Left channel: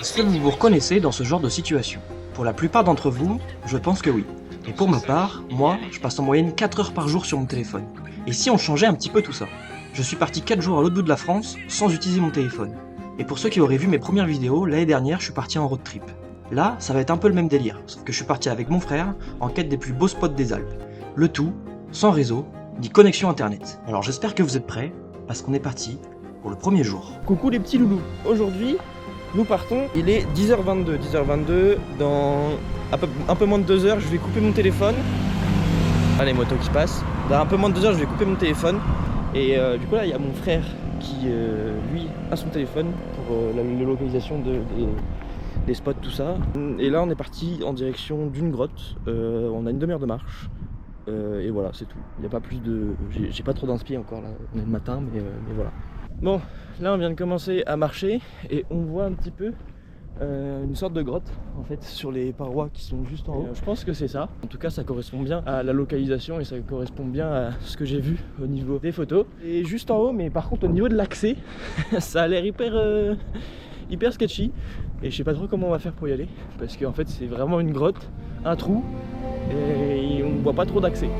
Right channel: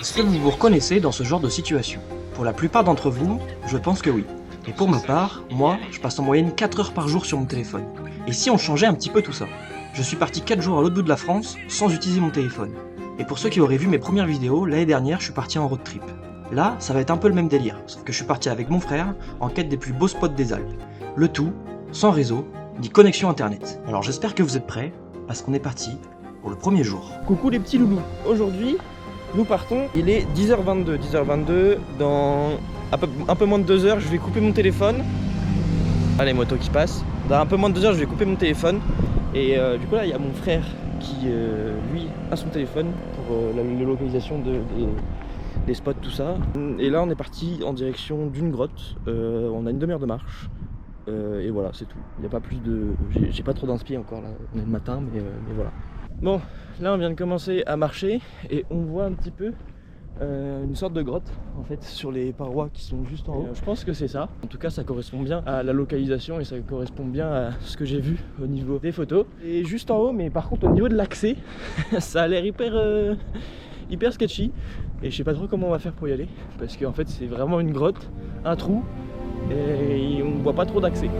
Est-ce que vous vous reconnaissez dans ce genre de situation? Pour la plupart d'entre vous, je pense que oui. Et pour ma part, moi, je passe en moyenne 4 heures par jour sur mon téléphone. Et si on changeait un petit peu tout ça? Je suis parti 4 jours à l'autre bout de la France sans utiliser mon téléphone. Et pour ceux qui auraient vu mes premières vidéos, l'année dernière, je suis parti en road trip. Là, ça va être un peu le même délire, sauf que je suis parti avec mon frère en quête des plus beaux spots des Alpes. Le tout, sans réseau, ni connexion internet. Alors j'espère que vous êtes prêts, parce qu'on est parti pour le premier jour. Coucou les petits loulous, aujourd'hui nous partons, il est 10h22, dans un peu moins de 2 heures je vais couper mon téléphone. Ah, les motos qui passent. Dans un peu moins de 2 heures je vais couper mon téléphone. Et du coup là il y a mon frère qui lui a son téléphone pour la localisation des spots, tout ça. Et là on est parti en direction d'une grotte, on a une demi-heure de marche. Et voilà, c'est tout. Il n'y a pas plus de... J'ai pas trop d'inspi encore là, on est le matin, mais voilà. Bon, là on vient de commencer à marcher et on voit un petit peu une sorte de grotte en fait sur les parois qui sont juste en haut. Je pense que c'est ça. En tout cas ça correspond bien à la localisation et ça correspond bien à ce que j'ai vu au niveau des photos. Et juste en haut, mais par contre au niveau de l'accès, ça a l'air hyper sketchy. Et je sais pas trop comment on va faire pour y aller parce qu'en fait c'est vraiment une grotte, un trou et on ne voit pas trop d'accès.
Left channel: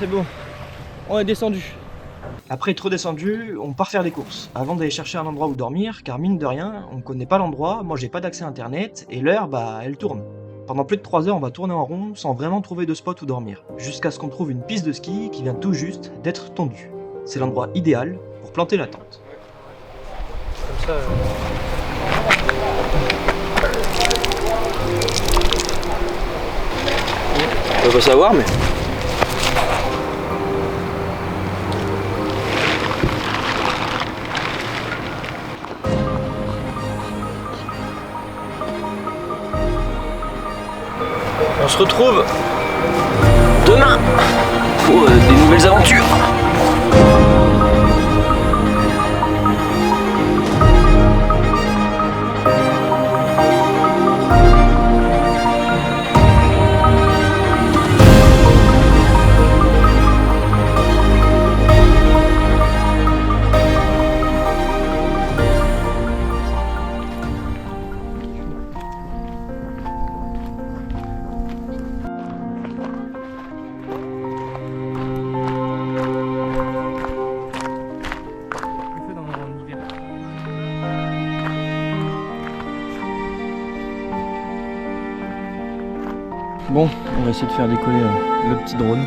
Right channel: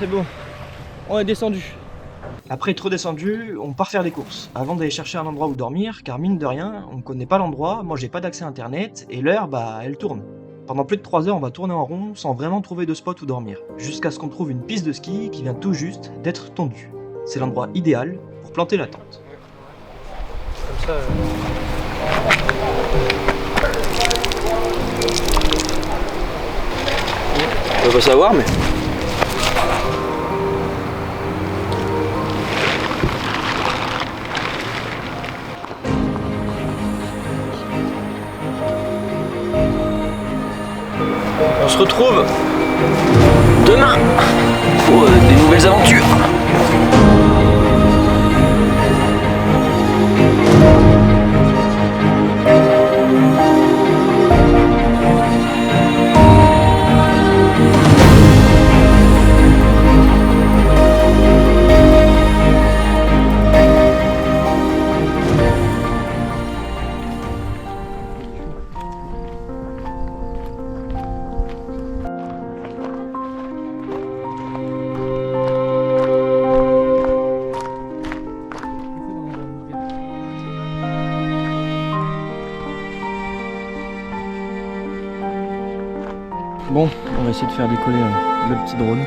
C'est bon, on est descendu. Après être redescendu, on part faire des courses, avant d'aller chercher un endroit où dormir, car mine de rien, on connaît pas l'endroit, moi j'ai pas d'accès à internet, et l'heure, bah elle tourne. Pendant plus de 3 heures, on va tourner en rond sans vraiment trouver de spot où dormir, jusqu'à ce qu'on trouve une piste de ski qui vient tout juste d'être tondue. C'est l'endroit idéal pour planter la tente. Comme ça... On va pas savoir, mais... On se retrouve demain pour des nouvelles aventures. Bon, on va essayer de faire décoller le petit drone.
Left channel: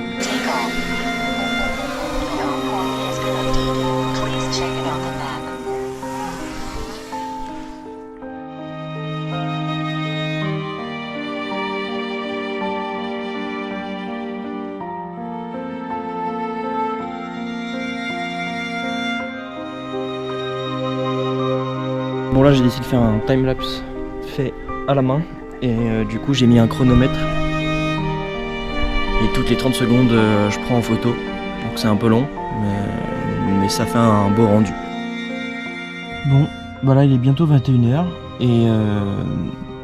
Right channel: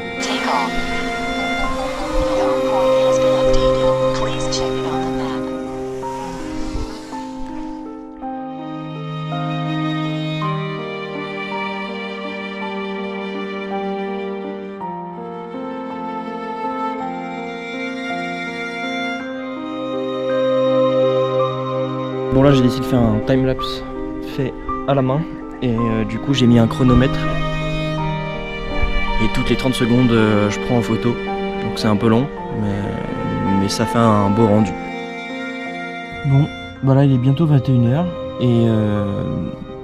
Bon là j'ai décidé de faire un timelapse fait à la main et du coup j'ai mis un chronomètre. Et toutes les 30 secondes, je prends en photo. Donc c'est un peu long, mais ça fait un beau rendu. Bon, bah là il est bientôt 21 h et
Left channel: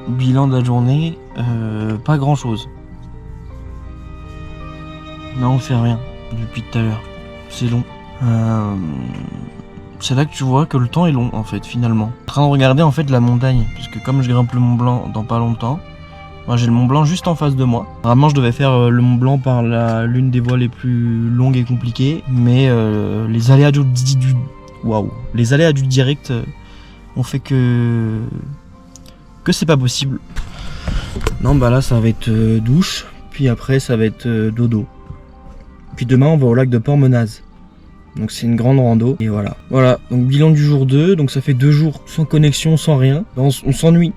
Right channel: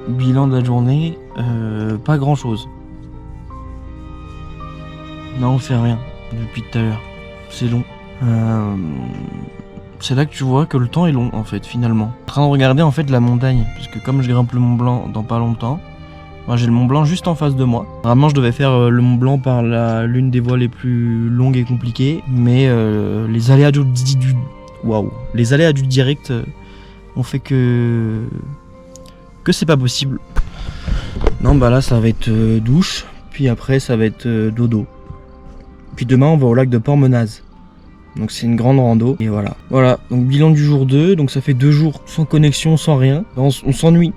bilan de la journée, pas grand chose. Non, on fait rien depuis tout à l'heure. C'est long. C'est là que tu vois que le temps est long en fait finalement. En train de regarder en fait la montagne, puisque comme je grimpe le Mont Blanc dans pas longtemps, Moi, j'ai le Mont Blanc juste en face de moi. Vraiment, je devais faire le Mont Blanc par l'une des voies les plus longues et compliquées, mais les aléas les aléas du direct ont fait que c'est pas possible. Non, bah là, ça va être douche, puis après, ça va être dodo. Puis demain, on va au lac de Port-Menaz. Donc c'est une grande rando, et voilà. Voilà, donc bilan du jour 2, donc ça fait 2 jours sans connexion, sans rien. On s'ennuie.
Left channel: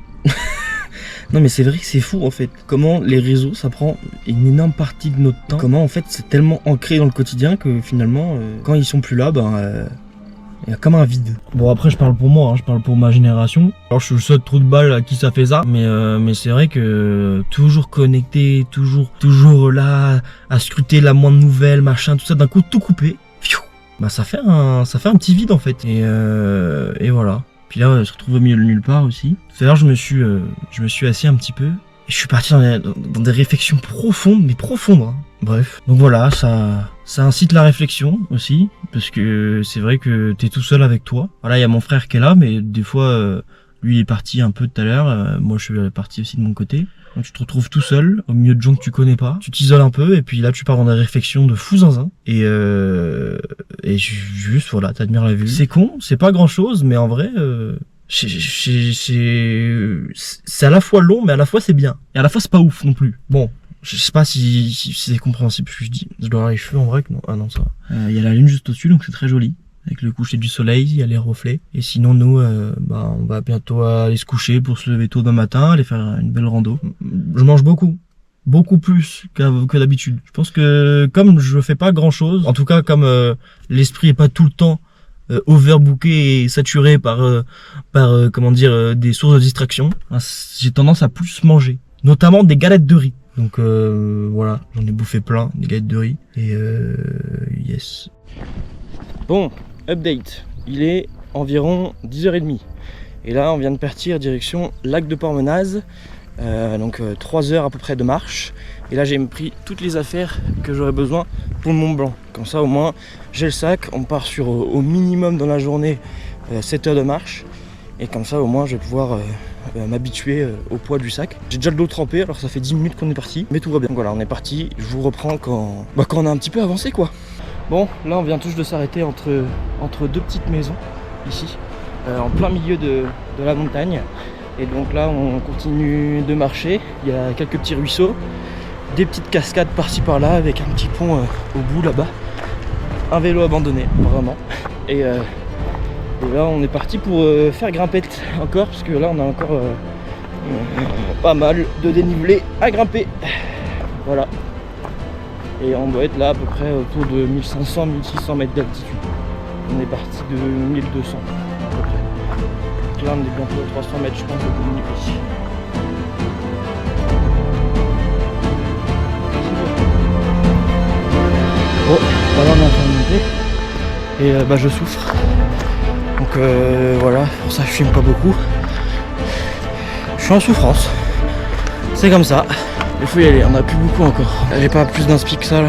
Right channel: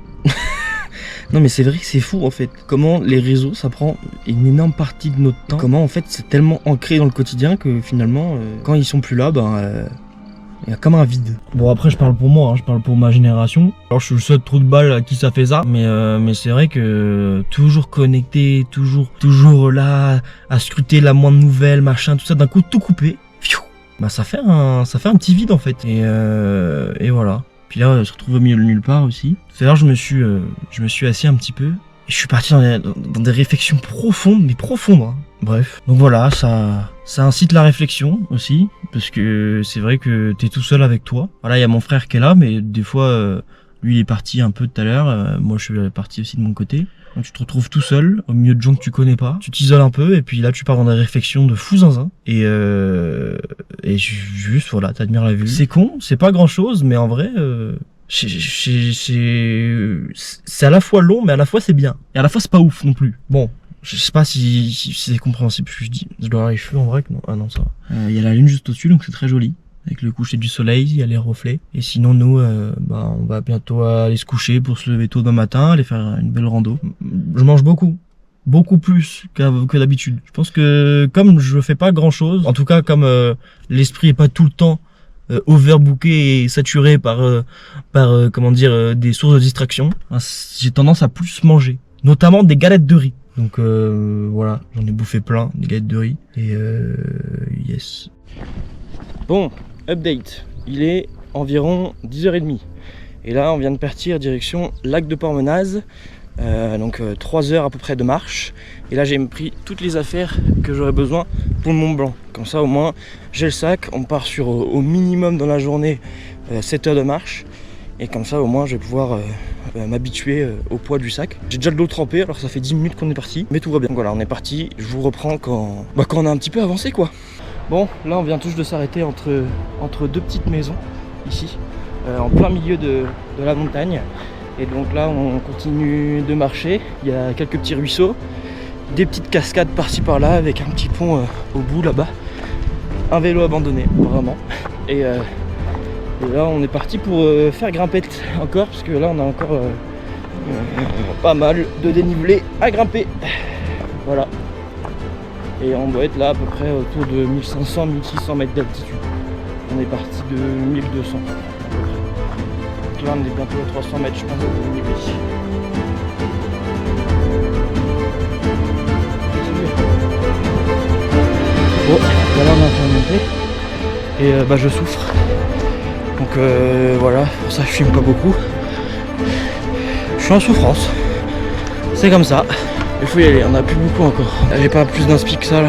Non mais c'est vrai que c'est fou en fait, comment les réseaux ça prend une énorme partie de notre temps, comment en fait c'est tellement ancré dans le quotidien que finalement quand ils sont plus là, il y a comme un vide. Bon après je parle pour moi, je parle pour ma génération. Alors je suis le seul trou de balle à qui ça fait ça, mais c'est vrai que toujours connecté, toujours là à scruter la moindre nouvelle, machin, tout ça, d'un coup tout coupé. Bah ça fait un petit vide en fait, et voilà. Puis là, on se retrouve au milieu de nulle part aussi. Tout à l'heure, je me suis assis un petit peu. Et je suis parti dans des réflexions profondes, mais profondes. Hein. Bref. Donc voilà, ça incite la réflexion aussi. Parce que c'est vrai que t'es tout seul avec toi. Voilà, il y a mon frère qui est là, mais des fois, lui il est parti un peu tout à l'heure. Moi, je suis parti aussi de mon côté. Donc tu te retrouves tout seul, au milieu de gens que tu connais pas. Tu t'isoles un peu, et puis là, tu pars dans des réflexions de fou zinzin. Et juste, voilà, t'admires la vue. C'est con, c'est pas grand chose, mais en vrai, c'est à la fois long, mais à la fois c'est bien. Et à la fois c'est pas ouf non plus. Bon, je sais pas si c'est compréhensible ce que je dis. Je dois avoir les cheveux en vrai que non. Ah non, ça va. Y a la lune juste au-dessus, donc c'est très joli. Avec le coucher du soleil, il y a les reflets. Et sinon, nous, on va bientôt aller se coucher pour se lever tôt demain matin, aller faire une belle rando. Je mange beaucoup. Beaucoup plus que d'habitude. Je pense que comme je fais pas grand chose, en tout cas comme l'esprit est pas tout le temps overbooké et saturé par des sources de distraction, j'ai tendance à plus manger, notamment des galettes de riz. Donc voilà, j'en ai bouffé plein, des galettes de riz, et yes. Bon, update, il est environ 10h30 et là on vient de partir direction lac de Port-Menaz. Donc 3 heures à peu près de marche, et là j'ai pris toutes les affaires que j'aurais besoin pour le Mont Blanc, comme ça au moins j'ai le sac, on part sur au minimum dans la journée 7 heures de marche, et comme ça au moins je vais pouvoir m'habituer au poids du sac. J'ai déjà le dos trempé, alors ça fait 10 minutes qu'on est parti, mais tout va bien. Donc voilà, on est parti, je vous reprends quand on a un petit peu avancé quoi. Bon, là on vient tous de s'arrêter entre deux petites maisons ici, en plein milieu de la montagne. Et donc là on continue de marcher, il y a quelques petits ruisseaux, des petites cascades par-ci par-là avec un petit pont au bout là-bas, un vélo abandonné vraiment. Et là on est parti pour faire grimpette encore, parce que là on a encore pas mal de dénivelé à grimper. Voilà. Et on doit être là à peu près autour de 1500-1600 mètres d'altitude. On est parti de 1200 à peu près. Donc là on est bientôt à 300 mètres je pense de dénivelé. Bon, là on est en train de monter et je souffre. Donc voilà, pour ça je filme pas beaucoup. Je suis en souffrance. C'est comme ça. Il faut y aller, on a plus beaucoup encore. J'ai pas plus d'inspi que ça là.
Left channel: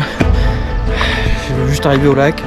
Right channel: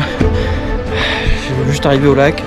Je veux juste arriver au lac.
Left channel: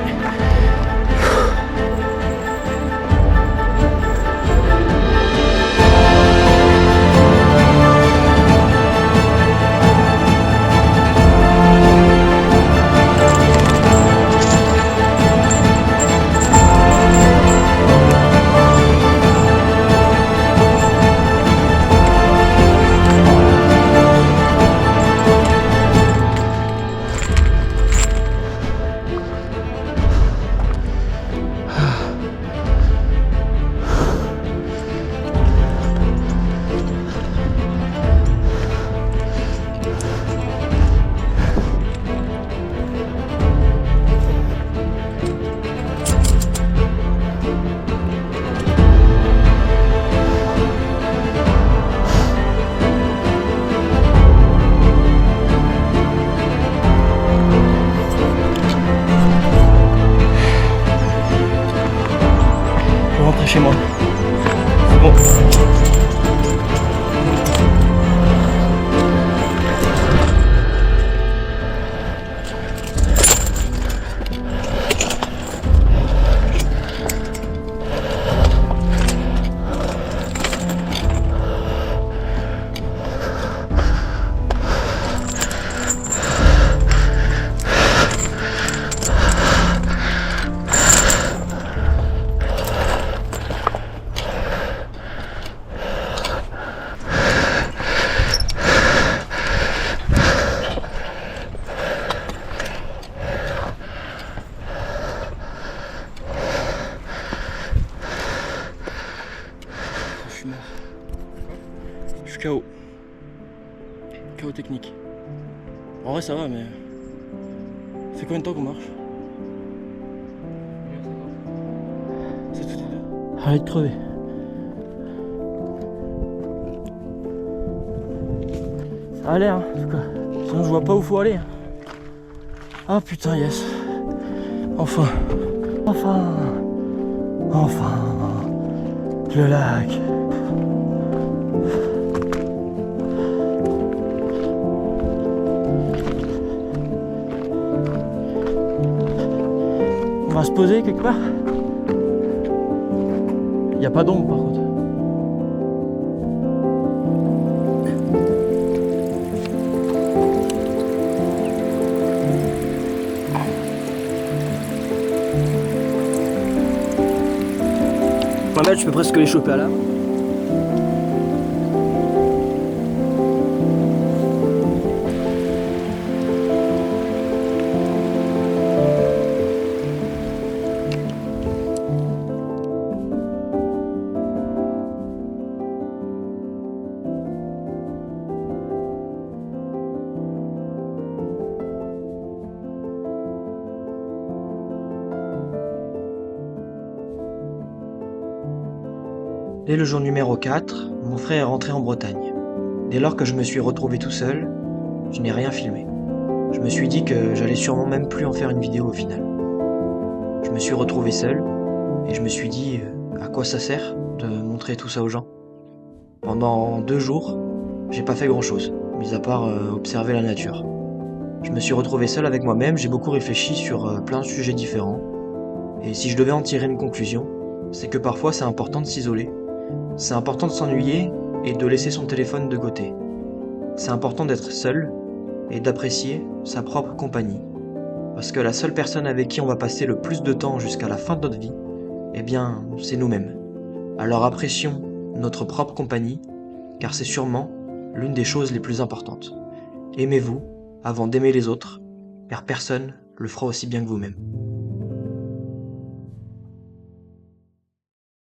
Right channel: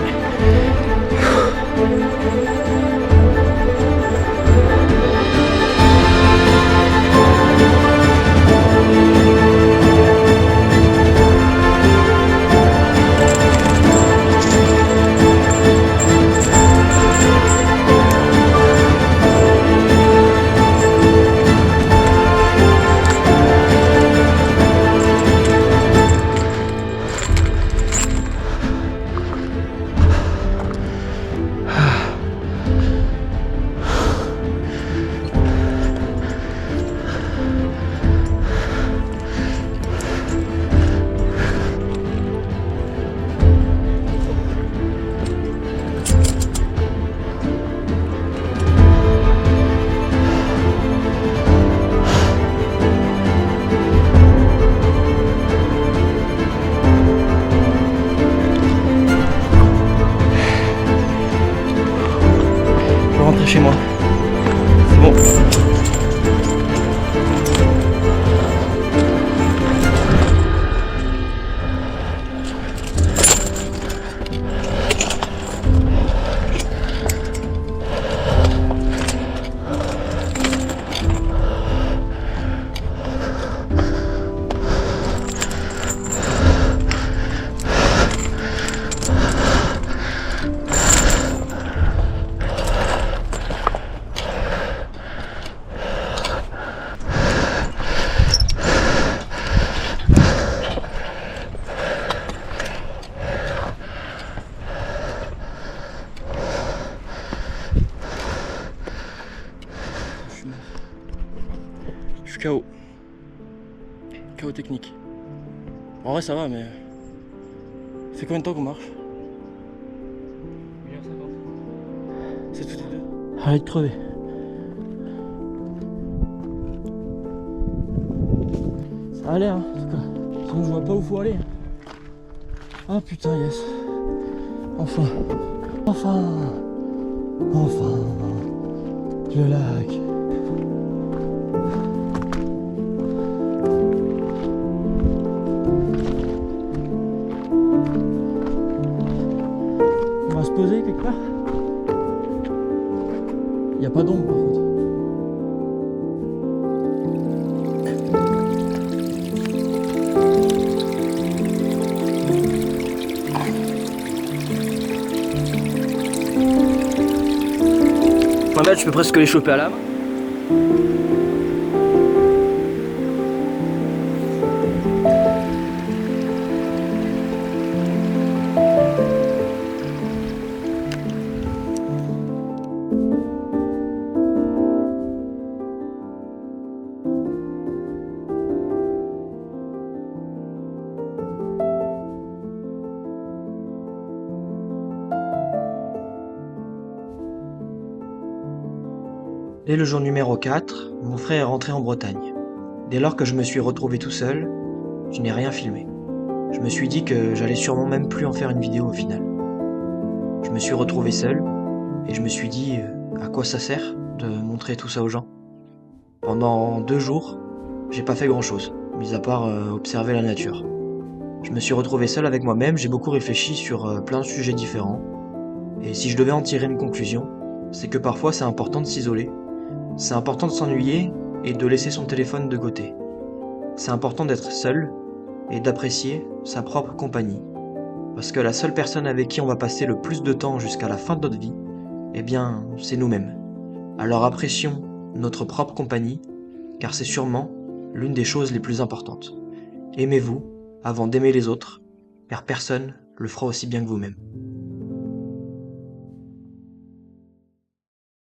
chaos technique. En vrai ça va mais... Ça fait combien de temps qu'on marche? 1h50. C'est toutes les deux. Arrête de crever. Ça a l'air hein, en tout cas. Sinon je vois pas où faut aller. Ah putain yes. Enfin. Le lac. On va se poser quelque part. Il n'y a pas d'ombre par contre. Je peux presque les choper à la main. Dès le jour numéro 4, mon frère est rentré en Bretagne. Dès lors que je me suis retrouvé tout seul, je n'ai rien filmé. Je me suis dit que j'allais sûrement même plus en faire une vidéo au final. Je me suis retrouvé seul, et je me suis dit à quoi ça sert de montrer tout ça aux gens. Pendant 2 jours, j'ai pas fait grand chose, mis à part observer la nature. Je me suis retrouvé seul avec moi-même, j'ai beaucoup réfléchi sur plein de sujets différents, et si je devais en tirer une conclusion, c'est que parfois c'est important de s'isoler. C'est important de s'ennuyer et de laisser son téléphone de côté. C'est important d'être seul et d'apprécier sa propre compagnie. Parce que la seule personne avec qui on va passer le plus de temps jusqu'à la fin de notre vie, eh bien, c'est nous-mêmes. Alors apprécions notre propre compagnie, car c'est sûrement l'une des choses les plus importantes. Aimez-vous avant d'aimer les autres, car personne le fera aussi bien que vous-même.